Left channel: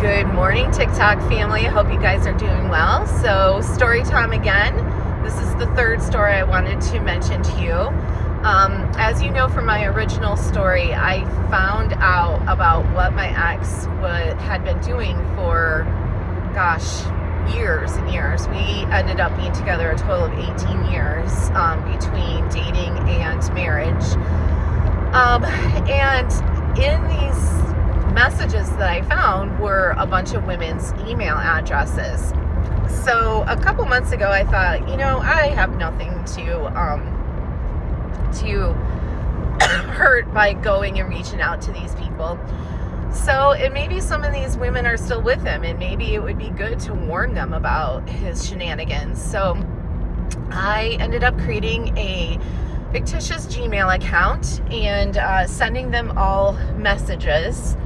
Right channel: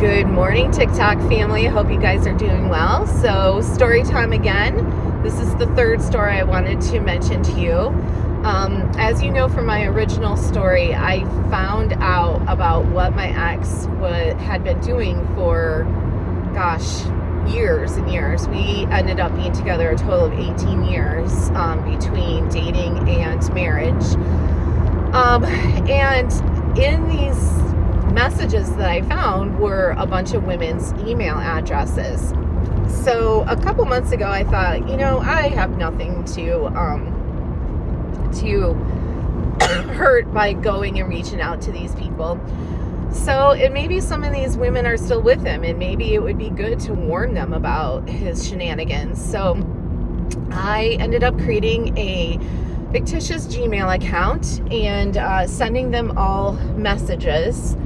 Good morning, TikTok family. I hope you guys are doing well. So, story time again. This is the third story I wanted to mention to you. As you know from my original story, I found out about what my ex had been doing for, years and years. We ended up being together a total of 18 years between dating and marriage. And in these messages that I found were a bunch of women's email addresses. So a couple months ago, I thought, I have nothing to hurt by going and reaching out to these people. So, and maybe some of these women are still with him, and maybe it would be good to warn them about his shenanigans. So I ended up creating a fictitious Gmail account and sending them all messages.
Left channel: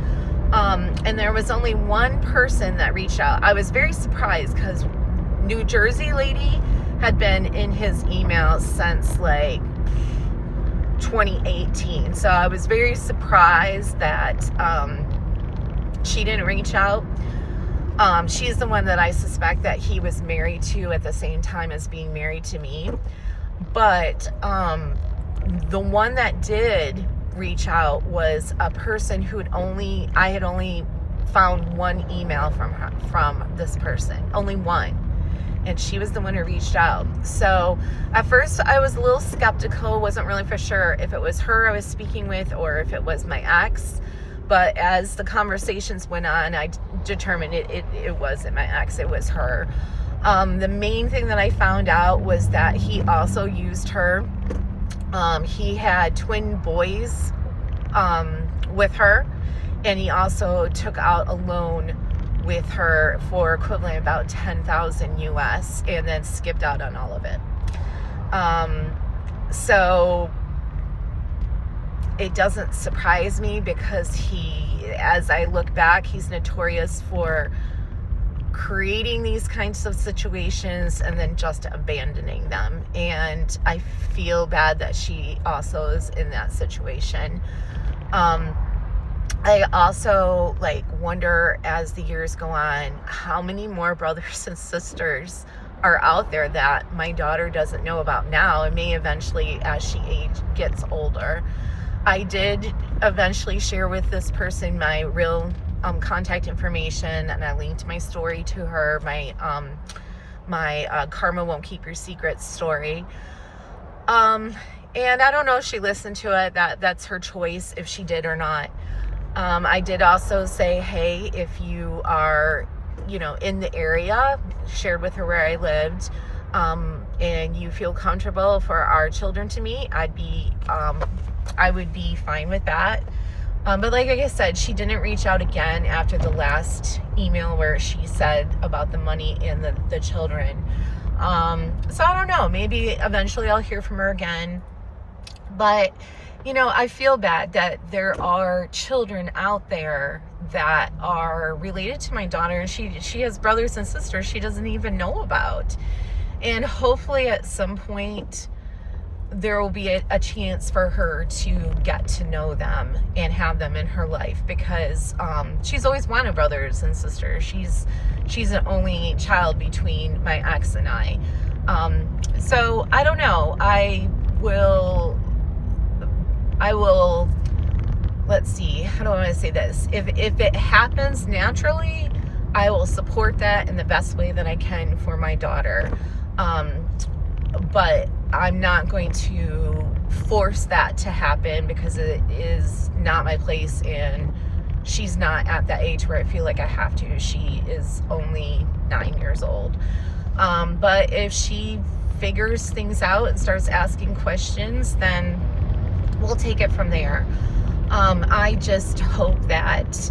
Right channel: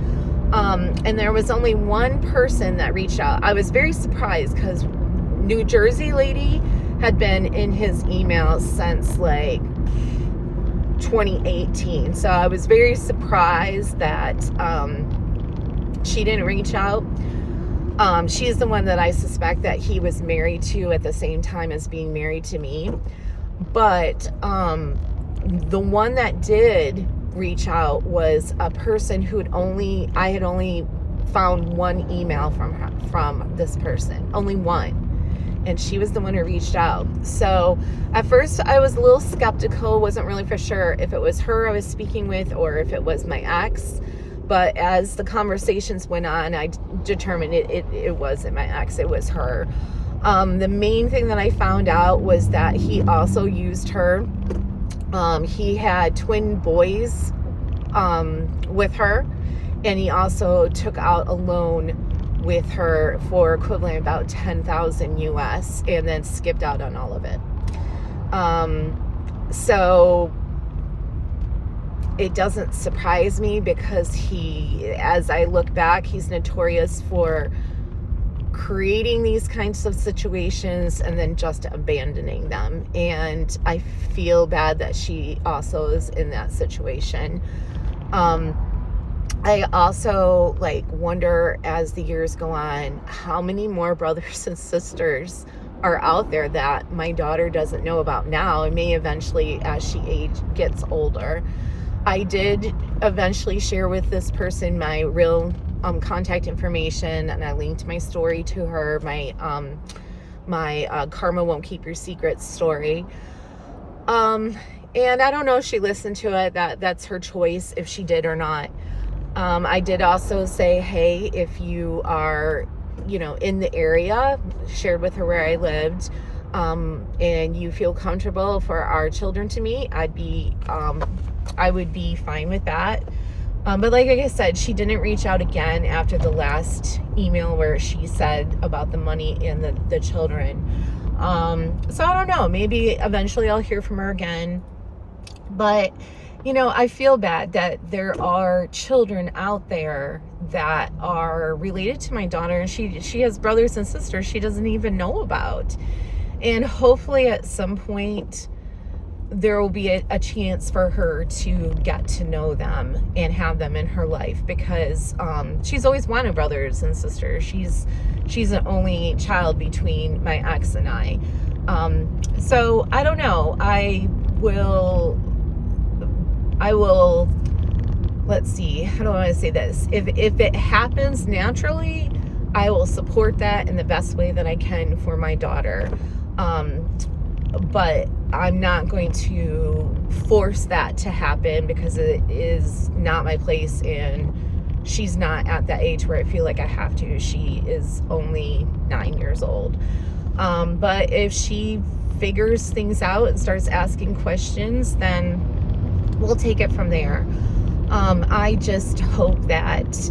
And there was only one person that reached out. I was very surprised because New Jersey lady had been in his emails since like 2018. So I was very surprised that she didn't reach out. She's the one that I suspect that he was married to at the same time as being married to me. But the one that did reach out was a person I had only found one email from this person, only one, and she was the one who reached out. So at first I was a little skeptical, wasn't really for sure if it was her I was speaking with or if it was my ex. But as the conversations went on, I determined it wasn't my ex, it was her. The main thing that I found out was that he also used her. He had twin boys with her, and he also took out a loan with her for equivalent about 10,000 US and then skipped out on all of it. So it doesn't surprise me because as I look back, he's notorious for creating these kinds of situations and then just abandoning them. And I feel bad that she also is in that situation. I also wonder, as the years go on, how many more brothers and sisters are out there that my daughter doesn't know about now and may eventually, as she gets older. I did eventually share with this person my real contact information, and I linked my story to her, my Karma Won't Keep Your Secrets story. And I don't know if she listened to it. That's her choice if she did or not. I did also say, hey, if you are, in the area, shared with her where I lived, and you feel comfortable for our children to meet, I would be fine with that. But like I said, she didn't reach out again after the last email where she said about the money and the children. So I don't know, maybe eventually I'll hear from her again. But, I feel bad that there are children out there that are related to my daughter, and she has brothers and sisters she doesn't even know about. And hopefully at some point there will be a chance for her to get to know them and have them in her life, because she's always wanted brothers and sisters. She's an only child between my ex and I. So I don't know. I will, let's see, how do I want to say this? If it happens naturally, I will support that in the best way that I can for my daughter. But I'm not going to force that to happen because it is not my place, and she's not at that age where I feel like I have to. She is only 9 years old. But if she figures things out and starts asking questions, then we'll take it from there. I just hope that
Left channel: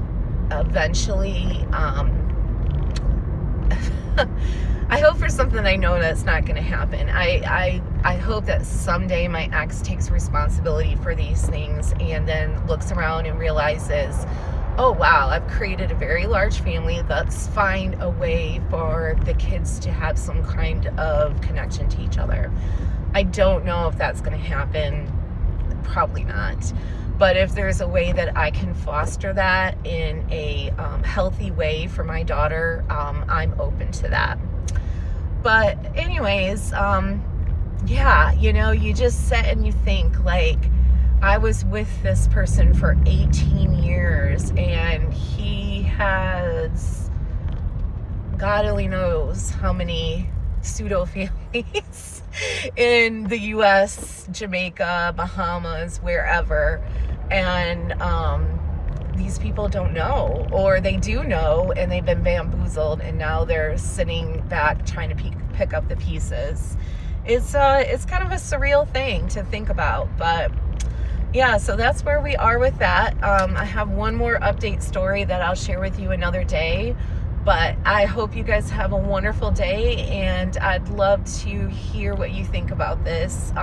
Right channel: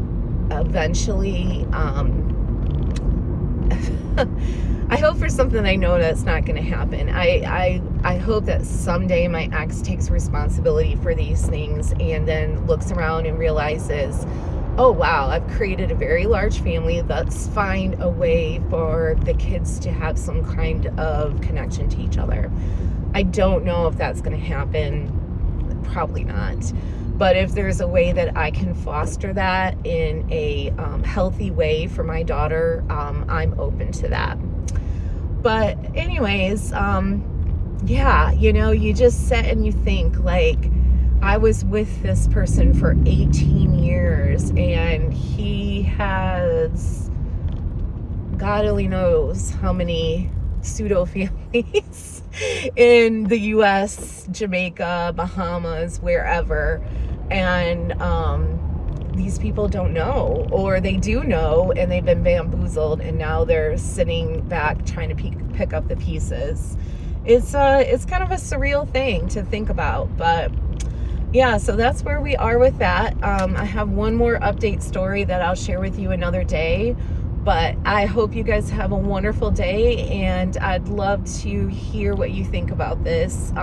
eventually, I hope for something I know that's not going to happen. I hope that someday my ex takes responsibility for these things and then looks around and realizes, oh wow, I've created a very large family. Let's find a way for the kids to have some kind of connection to each other. I don't know if that's going to happen. Probably not. But if there's a way that I can foster that in a healthy way for my daughter, I'm open to that. But anyways, yeah, you know, you just sit and you think, like, I was with this person for 18 years and he has, God only knows how many pseudo families in the US, Jamaica, Bahamas, wherever. And these people don't know, or they do know and they've been bamboozled, and now they're sitting back trying to pick up the pieces. It's kind of a surreal thing to think about. But yeah, so that's where we are with that. I have one more update story that I'll share with you another day, but I hope you guys have a wonderful day, and I'd love to hear what you think about this.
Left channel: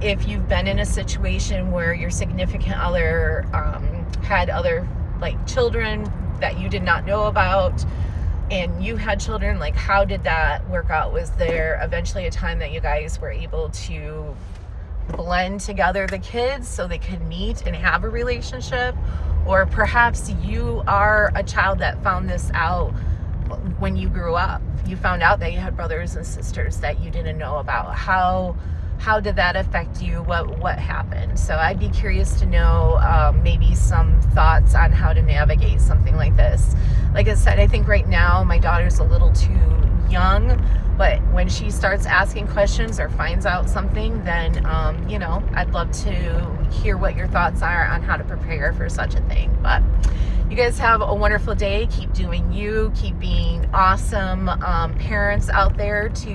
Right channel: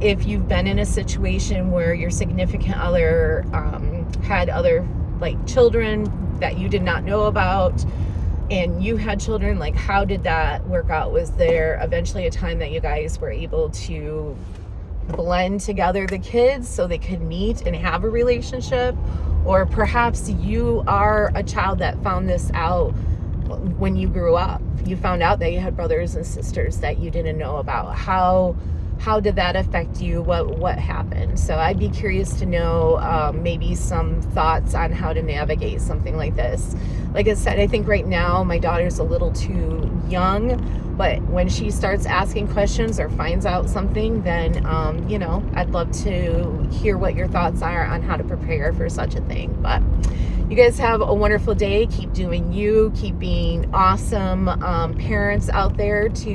If you've been in a situation where your significant other had other, like, children that you did not know about, and you had children, like, how did that work out? Was there eventually a time that you guys were able to blend together the kids so they could meet and have a relationship? Or perhaps you are a child that found this out when you grew up. You found out that you had brothers and sisters that you didn't know about. How did that affect you? What happened? So I'd be curious to know maybe some thoughts on how to navigate something like this. Like I said, I think right now my daughter's a little too young, but when she starts asking questions or finds out something, then you know, I'd love to hear what your thoughts are on how to prepare for such a thing. But you guys have a wonderful day. Keep doing you. Keep being awesome parents out there to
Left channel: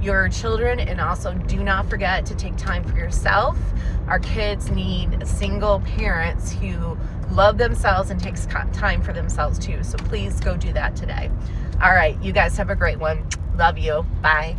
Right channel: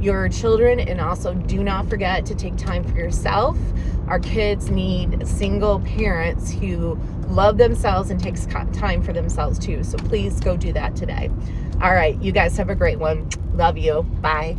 your children, and also do not forget to take time for yourself. Our kids need single parents who love themselves and takes time for themselves too. So please go do that today. All right, you guys have a great one. Love you. Bye.